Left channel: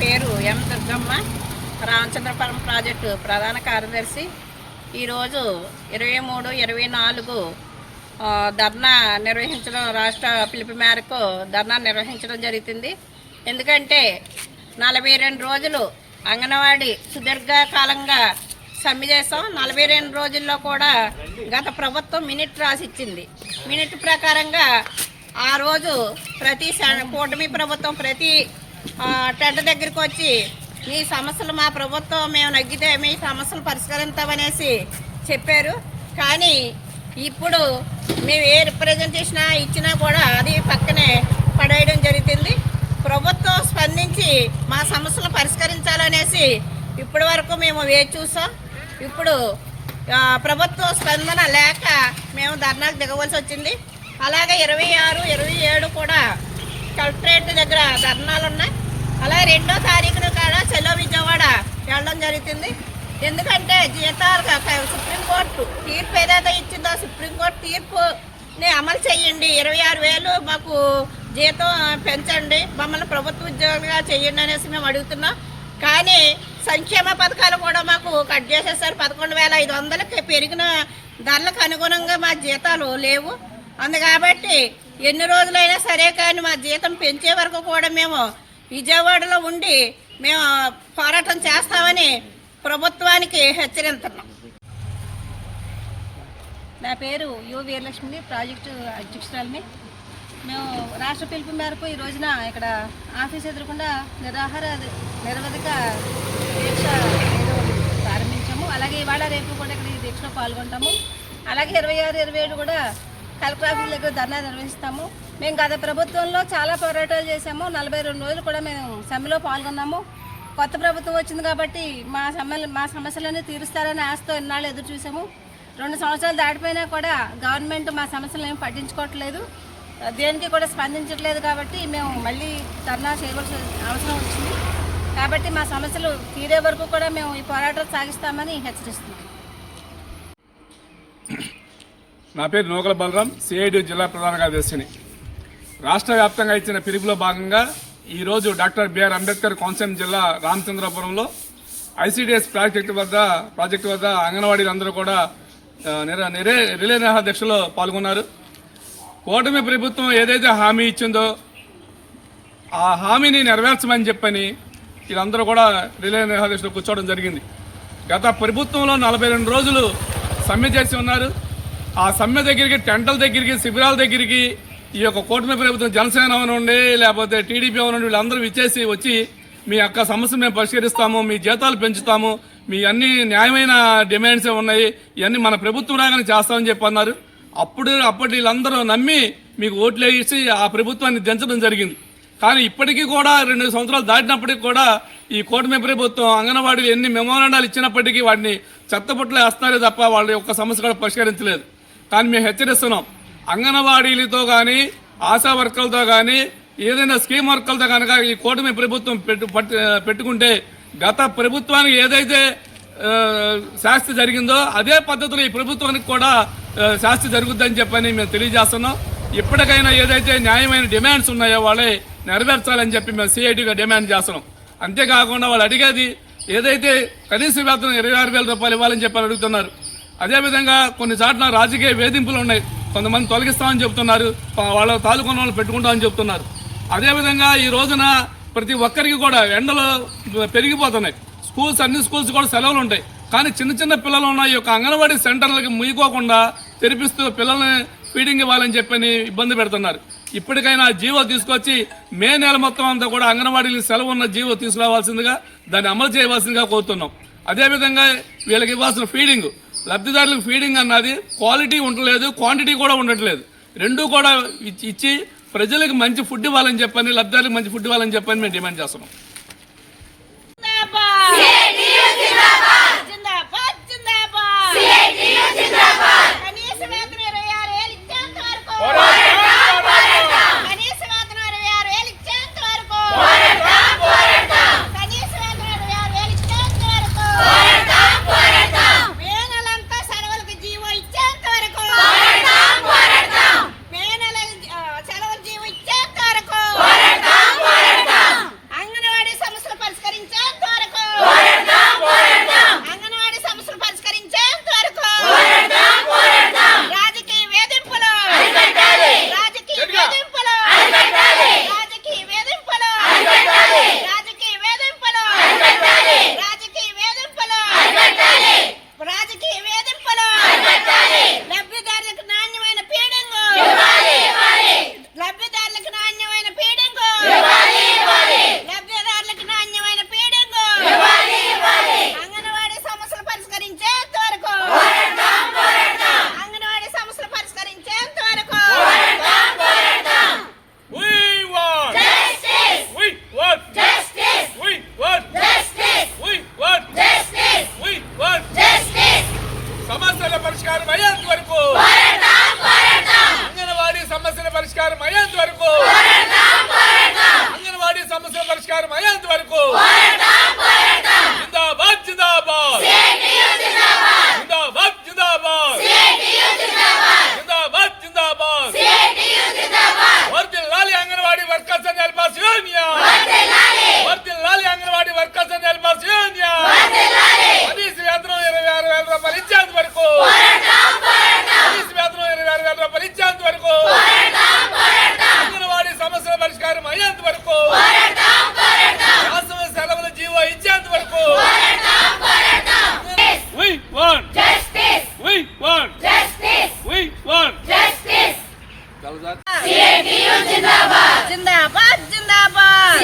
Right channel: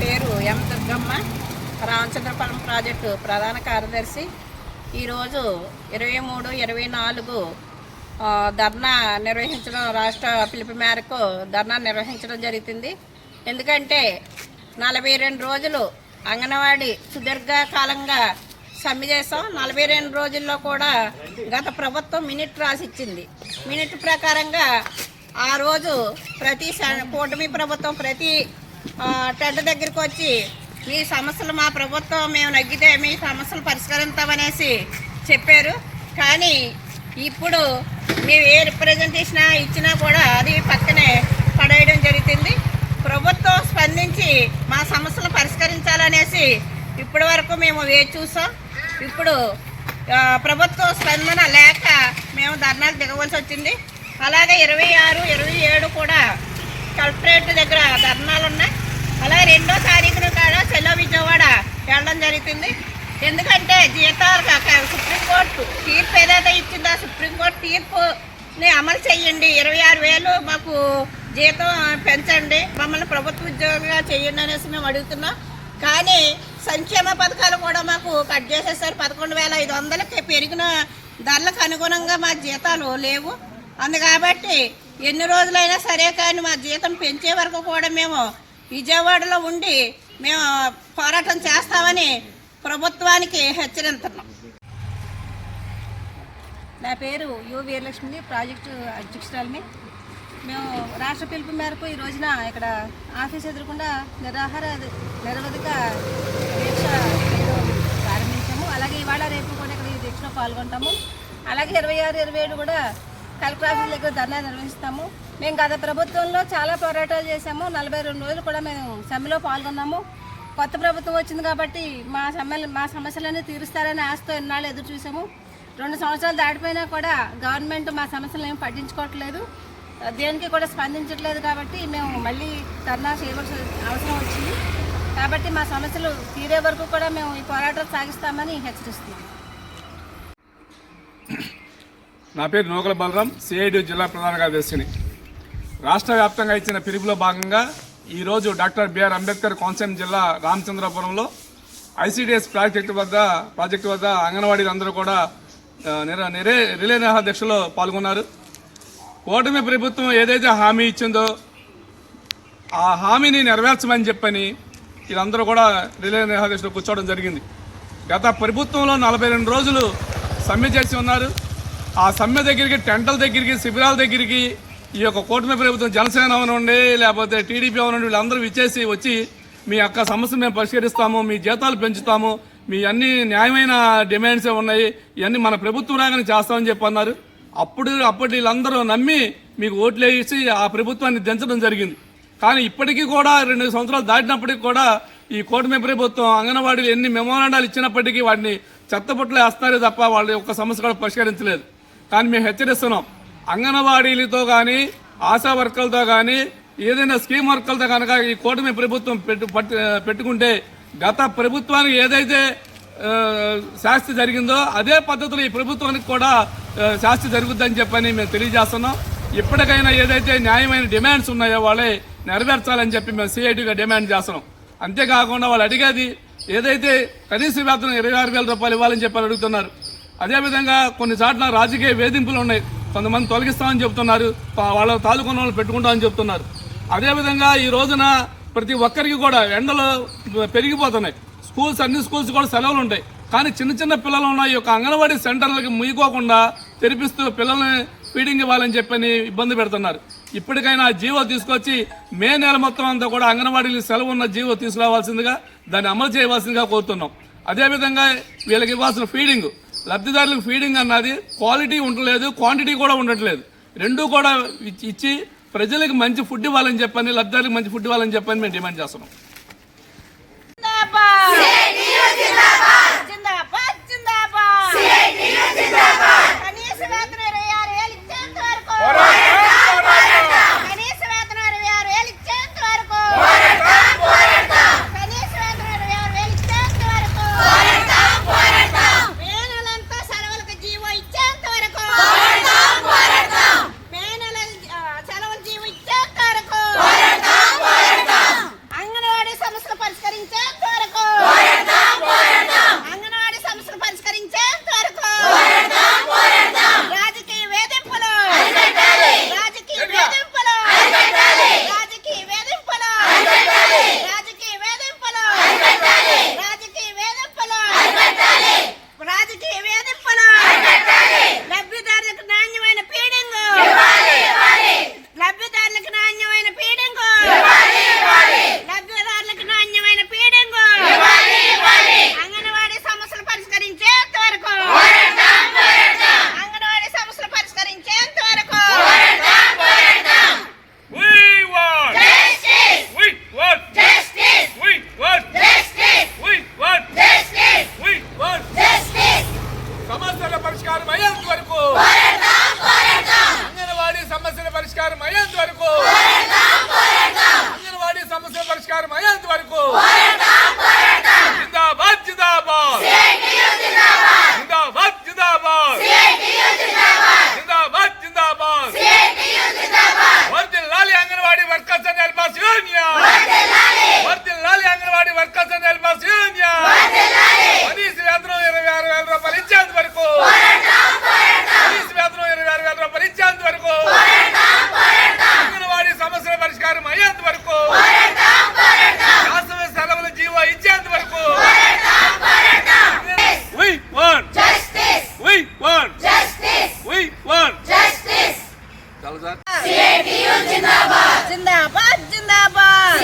పేరు ఎం దుర్గమ్మ, రామచంద్రపురం ప్రాజెక్టు ప్రధాన కార్యదర్శి. ఈరోజు 23, 24 ధర్నా నిర్వహించడం, రాష్ట్ర పిలుపు మేరకు ధర్నా నిర్వహించడం జరుగుతుంది. ఎందుకంటే 42 రోజులు అంగన్వాడీ సుదీర్ఘకాలంగా సమ్మె చేసాం. 42 రోజుల్లో కూడా గత ప్రభుత్వం మినిట్ రాసిచ్చింది. మినిట్ ప్రకారంగా ఆ రోజు ప్రతి కూటమి ప్రభుత్వం ప్రతి టెంట్ దగ్గరికి వచ్చి మీ సమస్యలు మా ప్రభుత్వం మేము నగ్గితే మీ సమస్యలు పరిష్కరిస్తామనేసి చెప్పారు. కానీ ఇప్పుడు మేము ఏ రిప్రజెంటేషన్ ఇచ్చినా కూడా అది పక్కనే పడేయడం జరుగుతుంది. ప్రభుత్వం స్పందించి మా సమస్యలు పరిష్కరించాలనేసి ఇప్పటి వరకు మేము వేచి చూసాం. ఇప్పుడు ప్రభుత్వ స్పందన లేక మేము ధర్నాకు దిగవలసి వచ్చింది. అలాగే 26, 27 కూడా కలెక్టరేట్ దగ్గర ధర్నాలు ఉన్నాయి. అలాగే 2వ తారీఖున కూడా చెలో విజయవాడ వెళ్ళడం జరుగుతుంది. ఎందుకంటే జీతాలు సుప్రీంకోర్టు తీర్పు ఏదైతే ఇచ్చిందో సుప్రీంకోర్టు తీర్పుని అమలు చేయండి, 26,000 మాకు జీతం పెంచండి, మమ్మల్ని ప్రభుత్వ ఉద్యోగులుగా చేయండి అనేసి మేము అడుగుతున్నాం. కానీ సంక్షేమ పథకాలు కూడా మాకు కట్ చేసేసారు. 11,500కి పెరిగిన ధరలకు అనుగుణంగా మా జీతాలు లేవు. కాబట్టి ఎన్ని రోజులైనా సరే కానీ మా జీతం పెంచే వరకు కూడా మేము విజయవాడలో ఉండి మేము పోరాటం చేస్తామని ప్రభుత్వానికి హెచ్చరిస్తున్నాం. నా పేరు యు వీరలక్ష్మి, ప్రాజెక్టు అధ్యక్షురాలిని. మేము రాష్ట్ర పిలుపు మేరకు ఈ రోజున ఇక్కడ ఆఫీస్ ఎదురకుండా నిరవధిక దీక్ష ప్రారంభించాము. అలాగే ఇవాళ రేపు కూడా ఇక్కడ ఈ దీక్షలో పాల్గొంటాము. అలాగే 26, 27 కూడా కలెక్టర్ ఆఫీస్ దగ్గర ధర్నా నిర్వహిస్తాము. మేము గత ప్రభుత్వంలో చాలా పోరాటాలు చేసాము. 42 రోజులు కూడా మేము సమ్మెలో పాల్గొన్నాము. కొత్త ప్రభుత్వం వచ్చింది కాబట్టి మా సమస్యలన్నీ తీరుస్తారని ఆశతో ఇన్నాళ్ళు ఎదురు చూసాము. 2 సంవత్సరాలు దాటిపోయినా కూడా గవర్నమెంట్ మా సమస్యలను ఏమి పట్టించుకోవట్లేదు, దేనికి కూడా స్పందించట్లేదు. కాబట్టి మేము మళ్ళీ ధర్నా చేయవలసిన అవసరం వచ్చింది. కాబట్టి మా సమస్యలు తీరే వరకు కూడా మేము ఈ పోరాటం సాగిస్తామని హెచ్చరిస్తున్నాం. నా పేరు నూకల బలరాం, సిఐడి జిల్లా ప్రధాన కార్యదర్శిని. రాష్ట్ర వ్యాప్తంగా ఇచ్చిన పిలుపులో భాగంగా ఈరోజు డాక్టర్ బిఆర్ అంబేద్కర్ కోనసీమ జిల్లా రామచంద్రపురంలో ఐసిడిఎస్ ప్రాజెక్టు వద్ద అంగన్వాడీలందరూ కూడా రిలే దీక్షలో పాల్గొన్నారు. కూటమి ప్రభుత్వం ఏదైతే హామీ ఇచ్చిందో ఆ హామీని నెరవేర్చమని చెప్పని వీళ్ళందరూ కూడా రిలే దీక్షలో కూర్చోవడం జరిగింది. గత ప్రభుత్వంలో 42 రోజులు సమ్మె చేసి ఉన్నారు. ఆ సమ్మె దగ్గరికి, టెంటల దగ్గరికి, శిబిరాల దగ్గరికి ఈ యొక్క కూటమి ప్రభుత్వం జనసేన అవనండి లేకపోతే టీడీపీ అవనండి వీళ్ళందరూ వచ్చి మీ యొక్క సమస్య మేము పరిష్కరిస్తాము, మీ జీతాలు పెంచుతాము, మీ అన్ని న్యాయమైన డిమాండ్సే ఉన్నాయి, ఇవన్నీ మన ప్రభుత్వం రాగానే చేస్తామని చెప్పి అన్నారు. అప్పటి వీళ్ళందరూ నమ్మి మీకు ఓట్లు వేసి ఆ ప్రభుత్వాన్ని దించడం జరిగింది. కానీ ఇప్పటికీ కూడా 2 సంవత్సరాలు దాటినప్పటికీ కూడా ఈ కూటమి ప్రభుత్వం అంగన్వాడీలు ఎన్ని మెమోరాండాలు ఇచ్చినప్పటికీ వాటిని చెత్తపుట్లో వేస్తున్నారే తప్ప వాళ్ళ యొక్క సమస్య కూడా పరిష్కరించలేదు. కానీ మేము హెచ్చరిస్తున్నాం, అంగన్వాడీలతో కానీ ఆశా వర్కర్లతో కానీ ఏదైనా స్కీమ్ వర్కర్లతో కనుక ఈ కూటమి ప్రభుత్వం పెట్టుకుంటే గత ప్రభుత్వానికి ఏదైతే శాస్తి జరిగిందో అదే పద్ధతిలో ఈ ప్రభుత్వానికి కూడా శాస్తి జరుగుద్దని చెప్పని మేము తెలియజేస్తున్నాం. ఇప్పటికైనా ఏదైతే న్యాయమైన డిమాండ్స్ ఉన్నాయో వాళ్ళే నెరవేర్చాలని చెప్పి మేము సిఐటిగా డిమాండ్ చేస్తున్నాం. అంతేకాకుండా వాళ్ళు అడిగేది ఏదైతే కనీస వేతనం 26,000 రూపాయలు ఇవ్వాలని చెప్పి అడుగుతున్నారు. అదేవిధంగా కొన్ని చోట్ల రాజకీయ వేధింపులు ఉన్నాయి, కొంతమంది తొలగిస్తామని చెప్తున్నారు, వాళ్ళ తాలూకున్న వాళ్ళు పెట్టుకుంటామని చెప్తున్నారు. అదేవిధంగా ఈ రోజున ప్రతి ఒక్కరికి కూడా ఎండలు పెరిగిపోతున్నాయి. అన్ని స్కూల్స్ కూడా సెలవులు ఉంటాయి. కానీ చిన్న పిల్లలు ఉన్న ఈ యొక్క అంగన్వాడీ సెంటర్లకి ముయ్యకోకుండా తెరిపిస్తూ పిల్లల్ని ఫీడింగ్ ఇవ్వాలని చెప్పని ఇబ్బంది పెడుతున్నారు. ఇప్పటికైనా జీవో తీసుకొచ్చి మే నెల మొత్తం అంతా కూడా అంగన్వాడీలు సెలవు ఉన్న జీవో తీసుకురావాల్సిందిగా దాన్ని అమలు చేయవలసిందిగా కోరుతున్నాం. అదేవిధంగా వీళ్ళకి ఇవ్వాల్సిన ఫీడింగ్, లబ్ధిదారులకు ఫీడింగ్ అన్నది క్వాలిటీ ఉండలేదు, క్వాంటిటీ కూడా ఉండట్లేదు. రెండూ కూడా ఇచ్చి ప్రజలకు మంచి ఫుడ్ ఇవ్వాలని చెప్పని, లబ్ధిదారులకు మంచి ఫుడ్ ఇవ్వాలని చెప్పని మేము డిమాండ్ చేస్తున్నాం. అంగన్వాడీ పరిష్కారం అయ్యేంత వరకు జిందాబాద్ జిందాబాద్ జిందాబాద్ జిందాబాద్ జిందాబాద్ జిందాబాద్ వర్ధిల్లాలి Anganwadi workers and helpers union వర్ధిల్లాలి Anganwadi workers and helpers union కనీస వేతనం 26,000 రూపాయలు ఇచ్చేంత వరకు కనీస వేతనం 26,000 రూపాయలు ఇచ్చేంత వరకు అంగన్వాడీ సమస్యల పరిష్కారం అయ్యేంత వరకు వేసవి సెలవుల జీవో ఇచ్చేంత వరకు We want justice. We want justice. We want justice. జిందాబాద్ జిందాబాద్ జిందాబాద్